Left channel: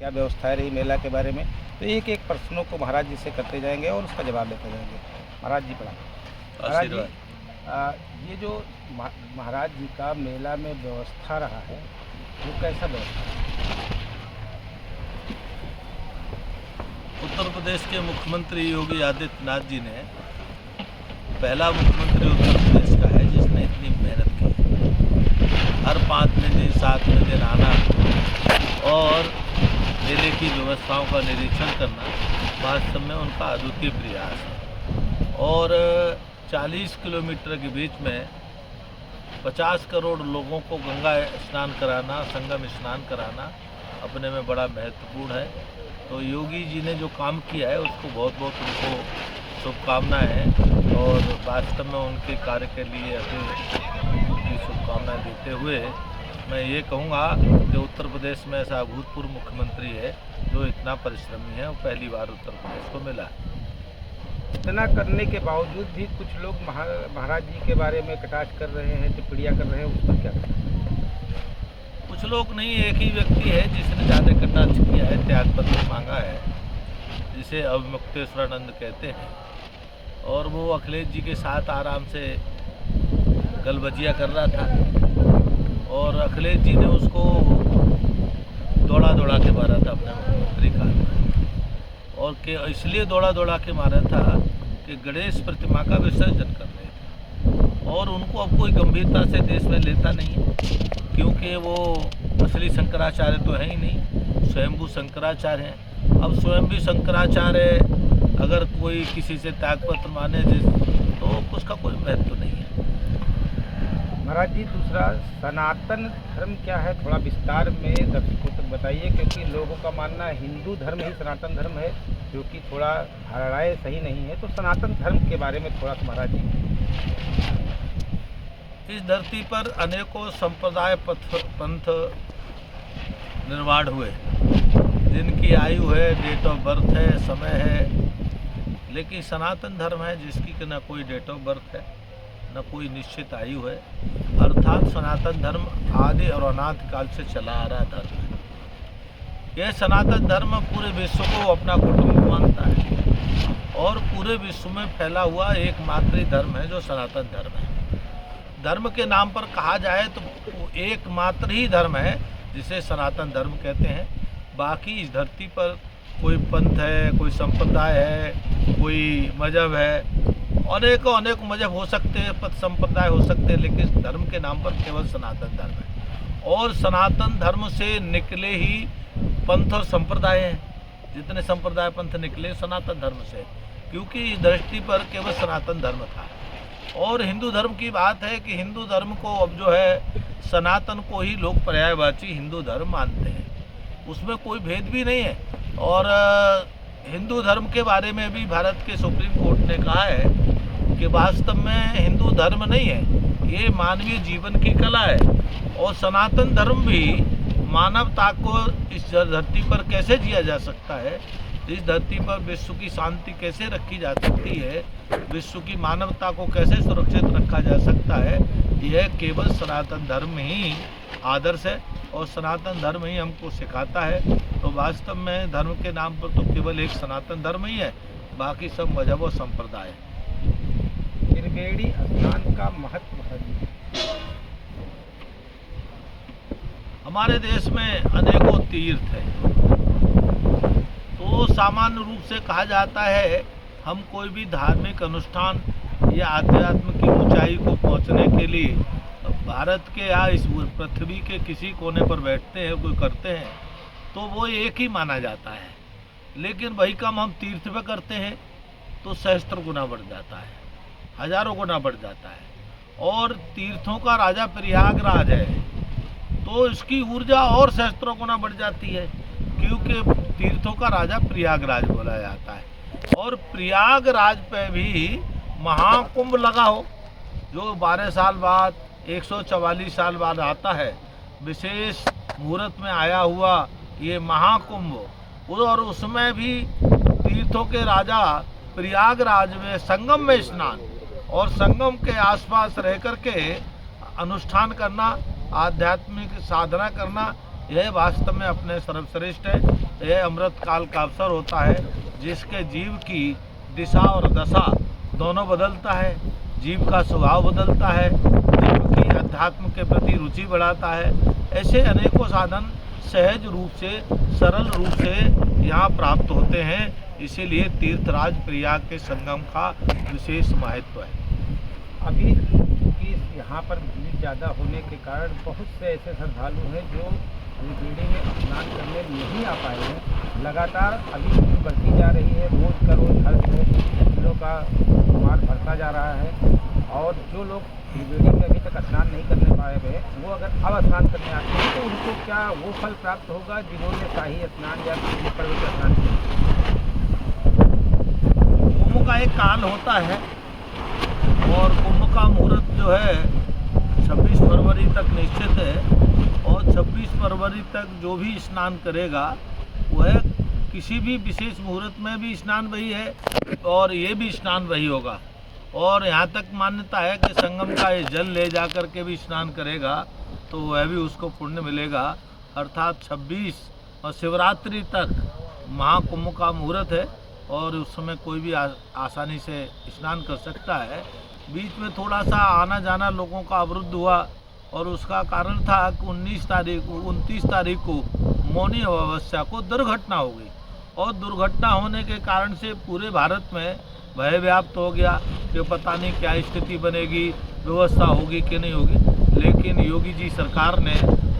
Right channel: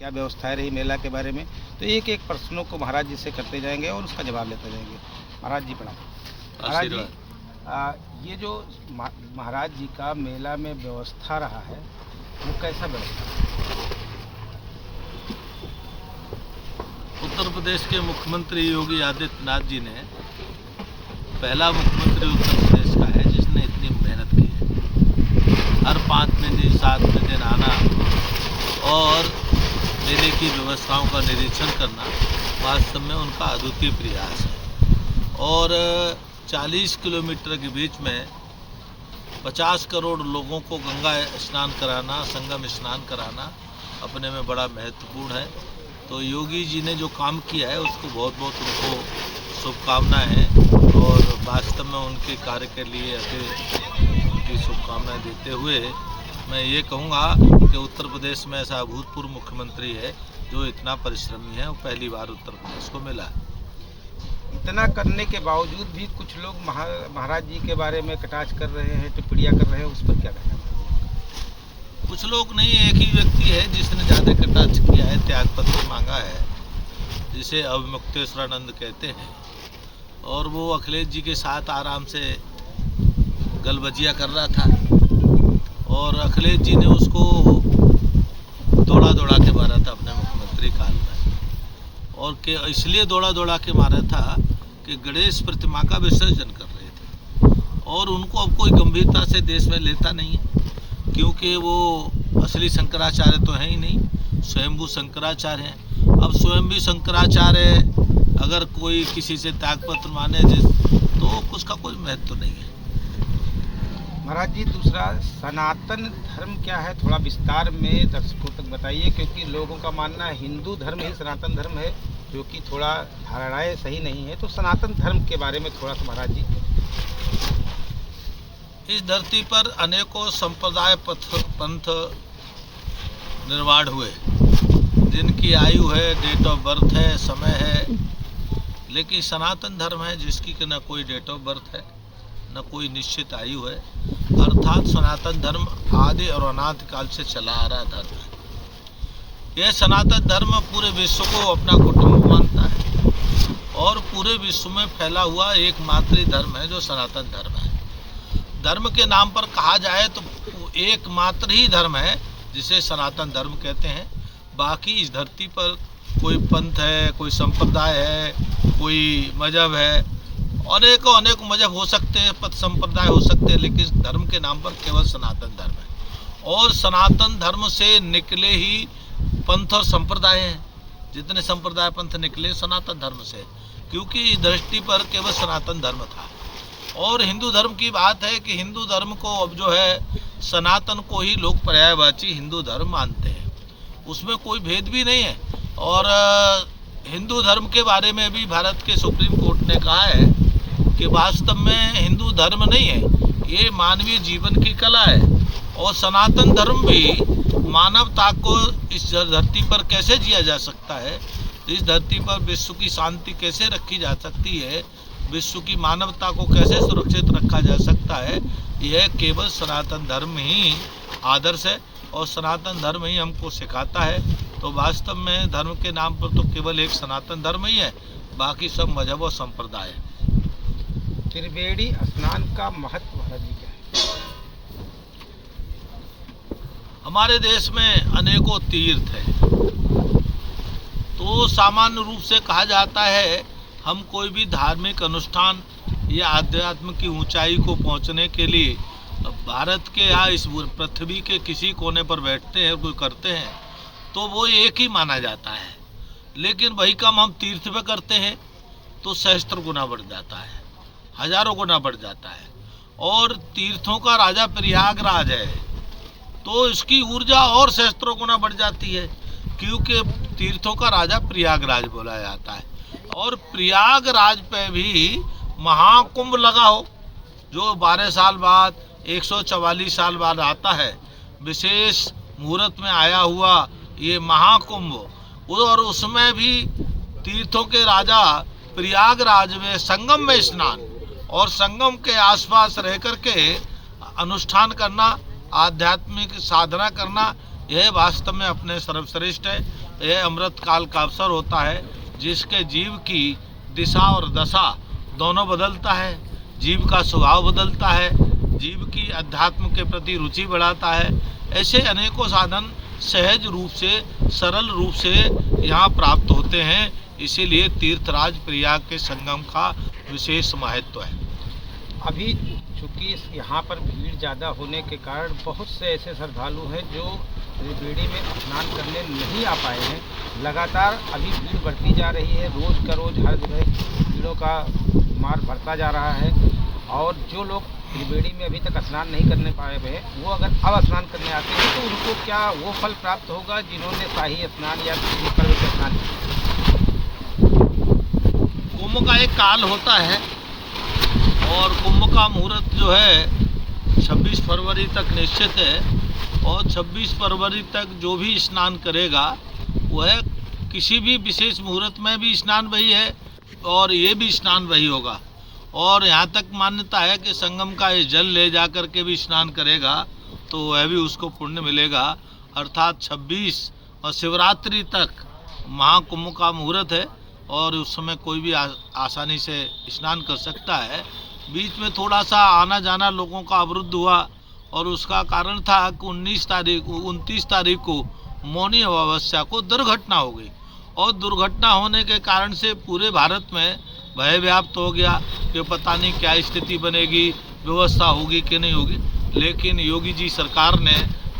क्या व्यवस्थाएँ रही मेला के बारे में। तो एक-एक प्रश्नों को महाराज जी से करते जाएँगे और उसका जवाब लेते जाएँगे। महाराज जी प्रणाम। महाराज जी आशीर्वाद। ये जो महाराज जी का मेला में व्यवस्था रहा है, वो कैसा व्यवस्था रहा है? उत्तर प्रदेश के मुख्यमंत्री योगी आदित्यनाथ जी ने पहला मुख्यमंत्री उत्तर प्रदेश का है जिसने इतनी मेहनत की है। हर 5वें दिन 7वें दिन आना और मेले की व्यवस्थाओं का निरीक्षण करना वास्तव में उनका अद्वितीय प्रयास है। और 40 किलोमीटर के बीच में 50 करोड़ लोगों को गंगा स्नान कराना, संगम स्नान कराना अपने में बड़ा महत्वपूर्ण है। तो योगी जी ने जो काम किया है उसको बहुत बहुत उनको शुभकामनाएं हैं और वास्तव में उनके कार्य के लिए उनकी शुभकामनाएं देते हुए मैं ये कहूँगा कि उत्तर प्रदेश में ऐसा अभूतपूर्व मुख्यमंत्री है जो इतना परिश्रमी है, वो पहली बार उत्तर प्रदेश को मिला है। इतना करने के बावजूद भी कुछ लोग महाराज जी के बारे में कटाक्ष कर रहे हैं, टिप्पणियाँ कर रहे हैं, उस पर क्या कहना है? कुछ लोग नहीं, एक ही व्यक्ति है जिसने ज़्यादा कटाक्ष किया है, त्यागपत्र मांगा है, जिसे अविमुक्तेश्वरानंद कहते हैं। और वो अखिलेश जी के साथ आराम से गलबजिया कर रहा था और अखिलेश जी ने उसको दौड़ा दौड़ा के मारा था अपने मुख्यमंत्री काल में। और के इसलिए दौड़ा दौड़ा के मारा था कि गणेश प्रतिमा का विसर्जन कर रहे थे और उनको अब कोई गंभीरता से देश में लेता नहीं है, क्योंकि वो असली शंकराचार्य तो है ही नहीं, स्वयंभू शंकराचार्य हैं। अब स्वयंभू शंकराचार्य अगर कोई किसी से त्यागपत्र माने तो उसका कोई महत्व नहीं है। महाराज जी, दूसरा सनातन धर्म क्या है, थोड़ा विस्तार में दर्शकों तक बताइए, क्योंकि लोगों का मानना है हिंदू धर्म ही सनातन धर्म है, जो कि थोड़ा धारणाएं सही नहीं है। तो सनातन धर्म के बारे में थोड़ा सा महाराज जी। इस धरती पर अनेकों संप्रदाय पंथ निर्माण हुए, जिनकी आयु है, डेट ऑफ बर्थ है, समय है, लेकिन सनातन धर्म है जिसकी न कोई डेट ऑफ बर्थ है, न कोई निश्चित आयु है। अर्थात सनातन धर्म आदि और अनादि काल से चला आ रहा धर्म है। यह सनातन धर्म पूरे विश्व को अपना कुटुंब मानता है और पूरे विश्व में फैला हुआ एकमात्र धर्म है जो सनातन धर्म है। धर्म के नाम पर कहा जाए तो एकमात्र ही धर्म है जिसे सनातन धर्म कहते हैं। बाकी इस धरती पर कोई पंथ है, कोई संप्रदाय है, कोई मजहब है, अनेक मजहब हो सकते हैं, पथ संप्रदाय हो सकते हैं, लेकिन धर्म के नाम पर केवल सनातन धर्म है। और सनातन धर्म से निकले ही पंथ और संप्रदाय हैं। जितने संप्रदाय पंथ निकले सनातन धर्म से, क्योंकि इस दृष्टि पर केवल सनातन धर्म था। और हिंदू धर्म की बात है कि हिंदू धर्म को अब जो है सनातन को ही लोग पर्यायवाची हिंदू धर्म मानते हैं, उसमें कोई भेद भी नहीं है। और हिंदू धर्म के बारे में भी भारत के सुप्रीम कोर्ट ने कहा है कि वास्तव में हिंदू धर्म नहीं है, ये मानवीय जीवन की कला है। और सनातन धर्म भी मानवता को इस धरती पर कैसे जिया जा सकता है, इस धरती पर विश्व की शांति कैसे रखी जा सकती है, विश्व की मानवता को कैसे सुरक्षित रखा जा सकता है, यह केवल सनातन धर्म ही आदर्श है और सनातन धर्म ही हमको सिखाता है। तो वास्तव में धर्म के नाम पर तो केवल एक सनातन धर्म ही है, बाकी सब मजहब और संप्रदाय है। त्रिवेणी स्नान का महत्व महाराज जी क्या है? हमारे देश में अनेकों तीर्थ हैं, तो सामान्य रूप से कहा जाता है हम कोई भी धार्मिक अनुष्ठान या आध्यात्म की ऊंचाई को पहुंचने के लिए भारत के या इस पृथ्वी के किसी कोने पर बैठते हैं, कोई करते हैं, तो वो एक ही माना जाता है। लेकिन वही काम हम तीर्थ पे करते हैं तो सहस्त्र गुना बढ़ जाता है, हजारों गुना बढ़ जाता है। और तीर्थों का राजा प्रयागराज है तो इसकी ऊर्जा और सहस्त्रों गुना बढ़ जाती है, क्योंकि तीर्थों का राजा प्रयागराज बोला जाता है। और प्रयागराज पे भी महाकुंभ लगा हो, जो 12 साल बाद 144 साल बाद आता है, विशेष मुहूर्त में आया हुआ ये महाकुंभ, और उसमें भी तीर्थों के राजा प्रयागराज में संगम में स्नान और संगम के आसपास रह कर के अनुष्ठान करना, आध्यात्मिक साधना करना, यह वास्तव में अपने सर्वश्रेष्ठ है। यह अमृत काल का अवसर होता है जिसके जीव की दिशा और दशा दोनों बदलता है। जीव का स्वभाव बदलता है, जीव की अध्यात्म के प्रति रुचि बढ़ाता है। ऐसे अनेकों साधन सहज रूप से, सरल रूप से यहाँ प्राप्त होते हैं। इसीलिए तीर्थराज प्रयाग के संगम का विशेष महत्व है। अभी चूँकि यहाँ पर भीड़ ज़्यादा होने के कारण बहुत से ऐसे श्रद्धालु हैं जो त्रिवेणी में स्नान करने नहीं आ पाए हैं। लगातार अभी भीड़ बढ़ती जा रही है, रोज़ का रोज़ हर जगह भीड़ों का मार बढ़ता जा रहा है। और जो लोग त्रिवेणी में अभी तक स्नान नहीं करने पाए हुए हैं, वो अगर अब स्नान करने आते हैं तो उनको क्या वो फल प्राप्त होगा जिन्होंने शाही स्नान या पर्व के स्नान किया? कुंभ का एक काल होता है और कुंभ का मुहूर्त जो है 26 फरवरी तक निश्चित है। और 26 फरवरी तक जो भी स्नान करेगा वह किसी भी विशेष मुहूर्त में भी स्नान वही है और ये भी स्नान वही होगा। और यहाँ तक मान्यता है कि संगम का ये जल ले जा कर के भी स्नान करेगा तो वह भी उसको पुण्य मिलेगा। अर्थात 26 और शिवरात्रि तक महाकुंभ का मुहूर्त है और उस समय कोई भी आसानी से स्नान कर सकता है। बीच में थोड़ा सा आना जाना लोगों का अवरुद्ध हुआ और उसका कारण था कि 29 तारीख को मौनी अमावस्या को दुर्घटना हो गई। और दुर्घटना होने के कारण से पूरे भारत में भय व्याप्त हो गया कि पता नहीं क्या स्थिति बनेगी, व्यवस्था होगी कि नहीं होगी। लेकिन योगी जी सरकार ने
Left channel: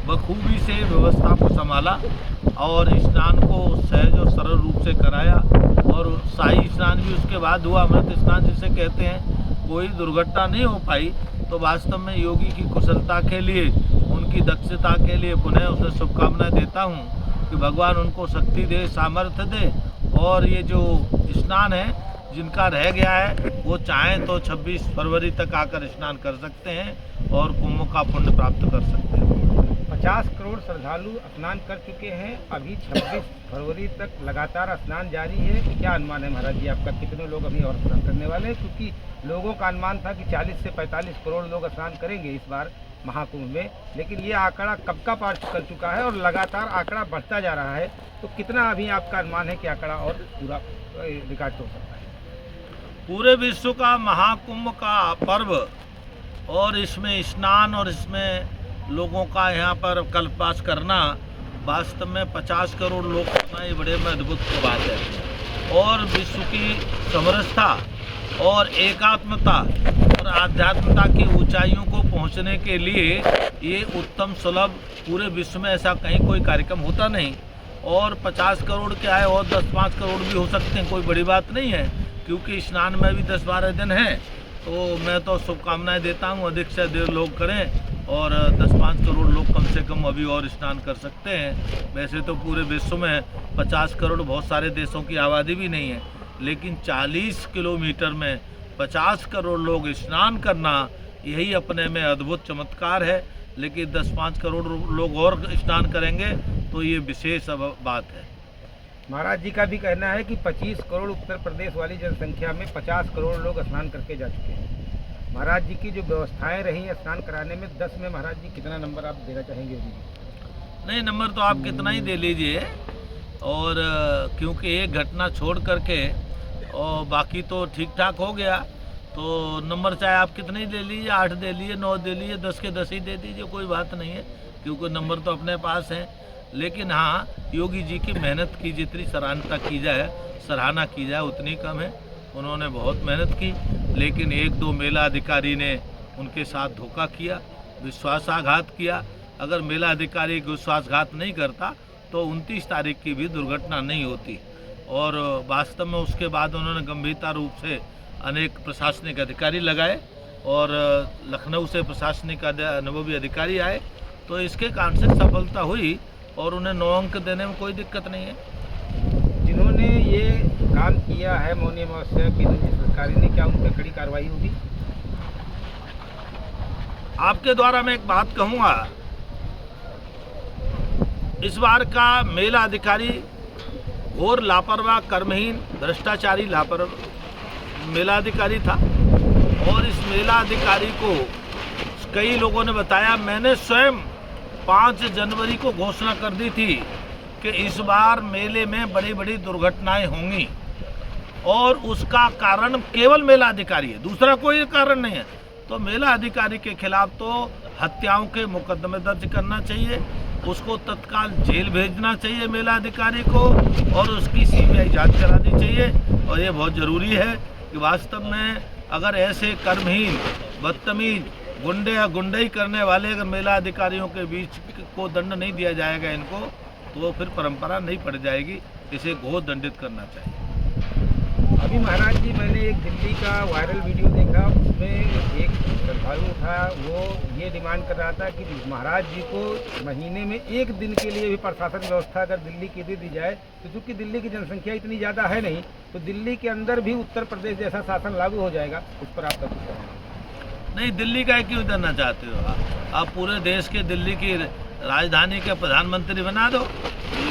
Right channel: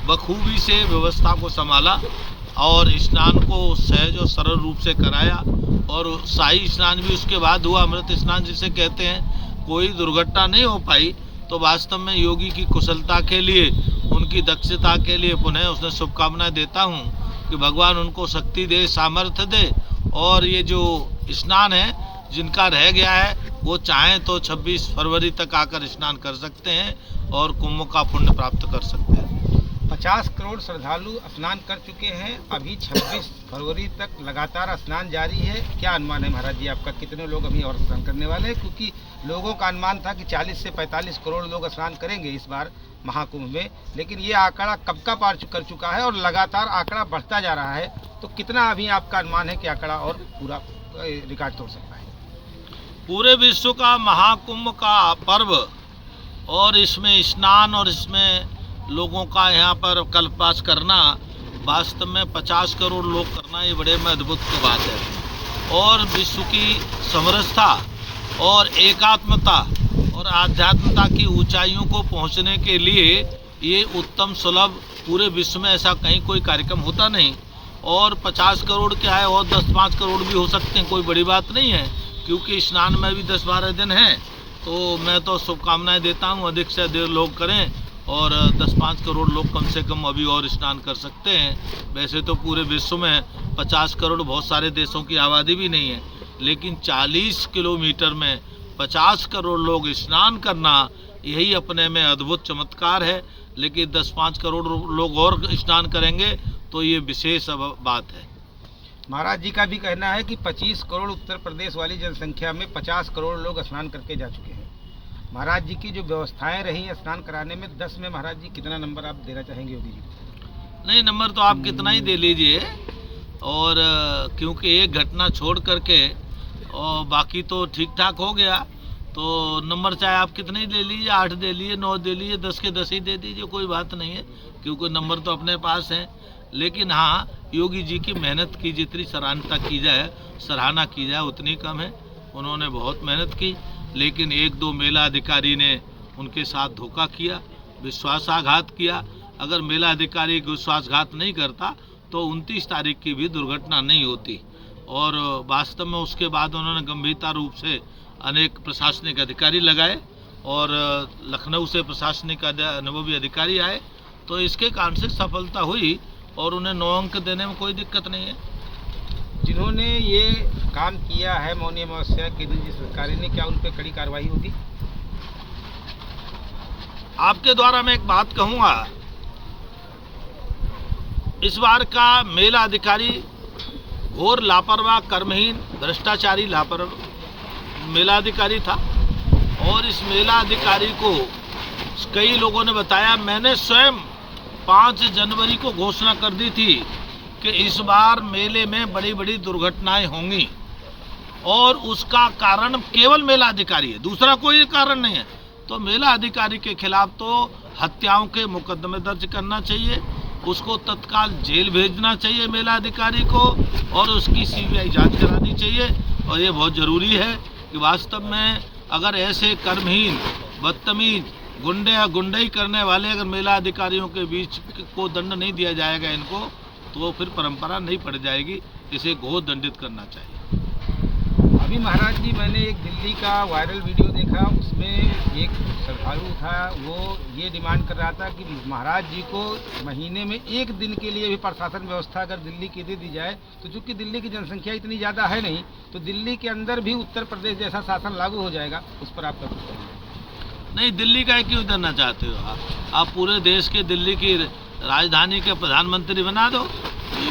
बखूबी से व्यवस्था को संभाला और स्नान को सहज और सरल रूप से कराया। और शाही स्नान भी उसके बाद हुआ, अमृत स्नान जिसे कहते हैं। कोई दुर्घटना नहीं हो पाई। तो वास्तव में योगी की कुशलता के लिए, उनकी दक्षता के लिए पुनः उसने शुभकामनाएं देता हूँ कि भगवान उनको शक्ति दे, सामर्थ्य दे। और ये जो स्नान है जिनका रह गया है वो चाहें तो 26 फरवरी तक आकर स्नान कर सकते हैं और कुंभ का पुण्य प्राप्त कर सकते हैं। 50 करोड़ श्रद्धालु स्नान कर चुके हैं। अभी 26 फरवरी तक लगातार स्नान जारी है। क्या अनुमान है महाराज जी आपका, कितने लोग अभी और स्नान करने वाले हैं? क्योंकि लोगों का अनुमान था कि 40 से 45 करोड़ लोग स्नान करेंगे इस बार महाकुंभ में, लेकिन ये आंकड़ा कब का पार कर चुका है और लगातार आंकड़ा बढ़ता जा रहा है। तो कितना अभी आपका अनुमान है कि आंकड़ा और पूरा रिकॉर्ड तोड़ सकता है? पूरे विश्व का महाकुंभ का पर्व और इसमें स्नान और इसमें लोगों का यहाँ पर कल्पवास करना, वास्तव में 50 करोड़ लोग करना ये बड़े में अद्भुत बात है। और विश्व की समरसता और एकात्मता और आध्यात्मता की ऊंचाइयों को पहुँचने के लिए ये उत्तम सुलभ, पूरे विश्व में ऐसा कहीं कोई कार्यक्रम होता नहीं। और 50 करोड़ क्या है, और 10-5 करोड़ भी हो सकते हैं, कोई बड़ी बात नहीं है। क्योंकि स्नान में भी 10-12 दिन हैं। तो मैं तो शुभकामनाएं देता हूं अधिक से अधिक लोग करें और 10-5 करोड़ लोग कम से कम अभी और स्नान कर सकते हैं। वैसे तो पूरे विश्व में 50 करोड़ बहुत सारे देशों की आबादी भी नहीं है, लेकिन 40 किलोमीटर में 50 करोड़ लोग स्नान करना यही अपने में अद्भुत चमत्कार है। लेकिन 10-5 करोड़ लोग और स्नान करेंगे तो ये विशेष बात है। महाराज जी का भी कहना है कि 25 करोड़ उत्तर प्रदेश वाली जनसंख्या में 50 करोड़ लोग स्नान करके जा चुके हैं। महाराज जी की जो व्यवस्थाएं रही हैं स्नान कराने में, 10 में महाराज जी कितना नंबर आप देना चाहेंगे योगी जी? नहीं, नंबर तो आप कितना ही दे लीजिए। और क्योंकि एक घटना छोड़ करके और बाकी तो ठीक ठाक हो गया, तो नंबर चाहे आप कितने ही दे लीजिए, 8 दे लीजिए, 9 दे लीजिए, 10 के 10 ही दे दीजिए, कोई बात नहीं है। क्योंकि नंबर तो अपने पास हैं। लेकिन हाँ, योगी जी की मेहनत की जितनी सराहना की जाए उतनी कम है। उन्होंने बहुत मेहनत की, लेकिन 1-2 मेला अधिकारी ने उनके साथ धोखा किया, विश्वासघात किया। अगर मेला अधिकारी विश्वासघात नहीं करता तो 29 तारीख की भी दुर्घटना नहीं होती। और वास्तव में उसके बाद उन्होंने गंभीरता रूप से अनेक प्रशासनिक अधिकारी लगाए और लखनऊ से प्रशासनिक अनुभवी अधिकारी आए, तो इसके कारण से सफलता हुई और उन्हें 9 अंक देने में कोई दिक्कत नहीं है। जिन्होंने ये काम किया है मौनी अमावस्या के दिन जिस अधिकारी ने, क्या उन पर कड़ी कार्रवाई होगी? आपके द्वारा मैं एक बात कहूँगा, इस बार का मेला अधिकारी घोर लापरवाह, कर्महीन, भ्रष्टाचारी मेला अधिकारी था। और इस मेला अधिकारी को कई लोगों ने बताया, मैंने स्वयं 5 जनवरी को घोषणा कर दी थी कि इस बार मेले में बड़ी बड़ी दुर्घटनाएं होंगी और उसका कारण केवल मेला अधिकारी है, दूसरा कोई कारण नहीं है। तो मेला अधिकारी के खिलाफ तो हत्याओं के मुकदमे दर्ज करना चाहिए, उसको तत्काल जेल भेजना चाहिए मेला अधिकारी को, और उसकी सीबीआई जांच करानी चाहिए। और ये बहुत ज़रूरी है कि वास्तव में अगर ऐसे कर्महीन, बदतमीज, गुंडे या गुंडई करने वाले अगर मेला अधिकारियों के बीच को दंड नहीं दिया जाएगा इनको, तो फिर परंपरा नहीं पड़ जाएगी। इसे घोर दंडित करना चाहिए। अभी महाराज जी मैंने एक दिल्ली का वायरल वीडियो देखा, उसमें एक श्रद्धालु था, वो ये डिमांड कर रहा था कि महाराज जी को महीने में 1 दिन के लिए भी प्रशासन व्यवस्था अगर दिल्ली की दे दी जाए, तो चूँकि दिल्ली की जनसंख्या इतनी ज़्यादा है नहीं, तो दिल्ली के अंदर भी उत्तर प्रदेश जैसा शासन लागू हो जाएगा। इस पर आपका कुछ कहना है? नहीं, दिल्ली का क्यों करना चाहते हो आप पूरे देश के दिल्ली की राजधानी के प्रधानमंत्री बना दो।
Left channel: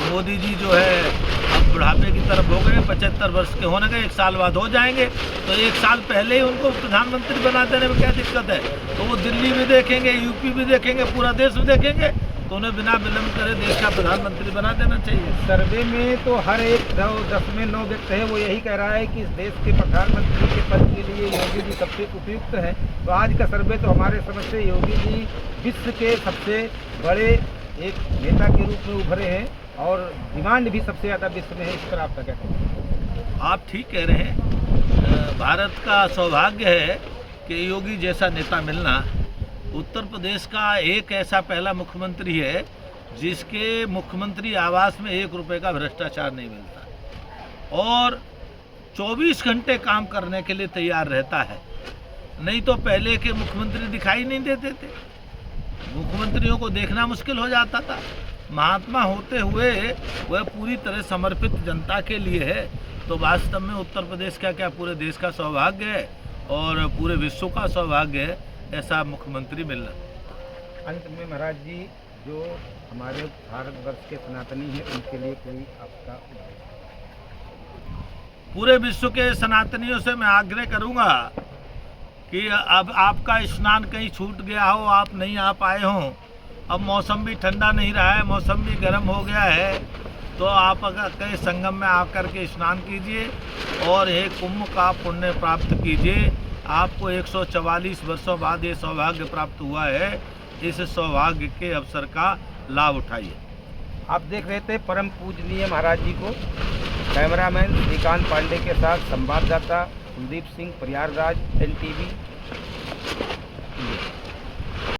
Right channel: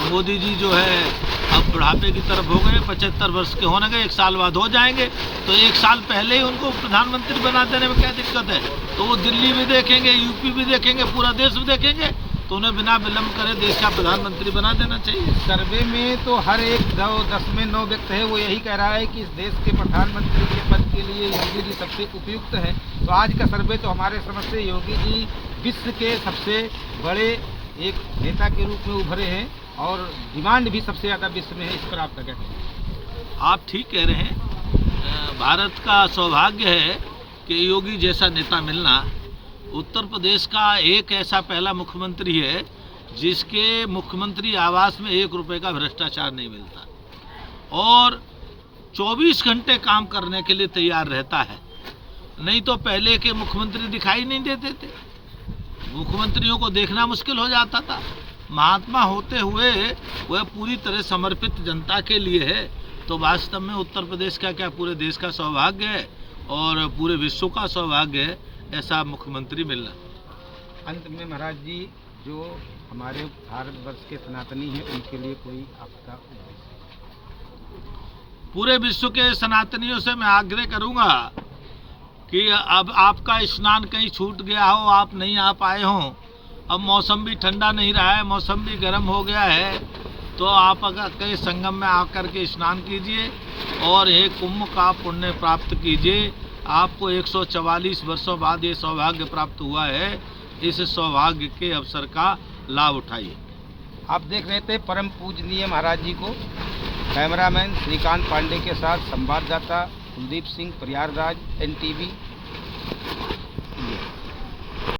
मोदी जी जो है अब बुढ़ापे की तरफ हो गए, 75 वर्ष के होने गए, 1 साल बाद हो जाएंगे, तो 1 साल पहले ही उनको प्रधानमंत्री बना देने में क्या दिक्कत है। तो वो दिल्ली भी देखेंगे, यूपी भी देखेंगे, पूरा देश भी देखेंगे, तो उन्हें बिना विलम्ब करे देश का प्रधानमंत्री बना देना चाहिए। सर्वे में तो हर एक 10 में 9 व्यक्ति है वो यही कह रहा है कि इस देश के प्रधानमंत्री के पद के लिए योगी जी सबसे उपयुक्त हैं। तो आज का सर्वे तो हमारे समझ से योगी जी विश्व के सबसे बड़े एक नेता के रूप में उभरे हैं और डिमांड भी सबसे ज़्यादा विश्व में है। इस पर आपका क्या कहना है? आप ठीक कह रहे हैं। भारत का सौभाग्य है कि योगी जैसा नेता मिलना। उत्तर प्रदेश का एक ऐसा पहला मुख्यमंत्री है जिसके मुख्यमंत्री आवास में 1 रुपये का भ्रष्टाचार नहीं मिलता और 24 घंटे काम करने के लिए तैयार रहता है। नहीं तो पहले के मुख्यमंत्री दिखाई नहीं देते थे, मुख्यमंत्रियों को देखना मुश्किल हो जाता था। महात्मा होते हुए वह पूरी तरह समर्पित जनता के लिए है। तो वास्तव में उत्तर प्रदेश का क्या पूरे देश का सौभाग्य है और पूरे विश्व का सौभाग्य है ऐसा मुख्यमंत्री मिलना। अंत में महाराज जी, जो हमारे भारतवर्ष के सनातनी हैं उनके लिए कोई आपका उद्देश्य? पूरे विश्व के सनातनियों से मैं आग्रह करूंगा कि अब आपका स्नान कहीं छूट गया हो, आप नहीं आ पाए हों, अब मौसम भी ठंडा नहीं रहा है, मौसम भी गर्म हो गया है, तो आप अगर कहीं संगम में आकर के स्नान कीजिए और एक कुंभ का पुण्य प्राप्त कीजिए। आपको 144 वर्षों बाद ये सौभाग्य प्राप्त हुआ है। इस सौभाग्य के अवसर का लाभ उठाइए। आप देख रहे थे परम पूजनीय महाराज जी को। कैमरामैन श्रीकांत पांडे के साथ संवाददाता कुलदीप सिंह, प्रयागराज, NTV।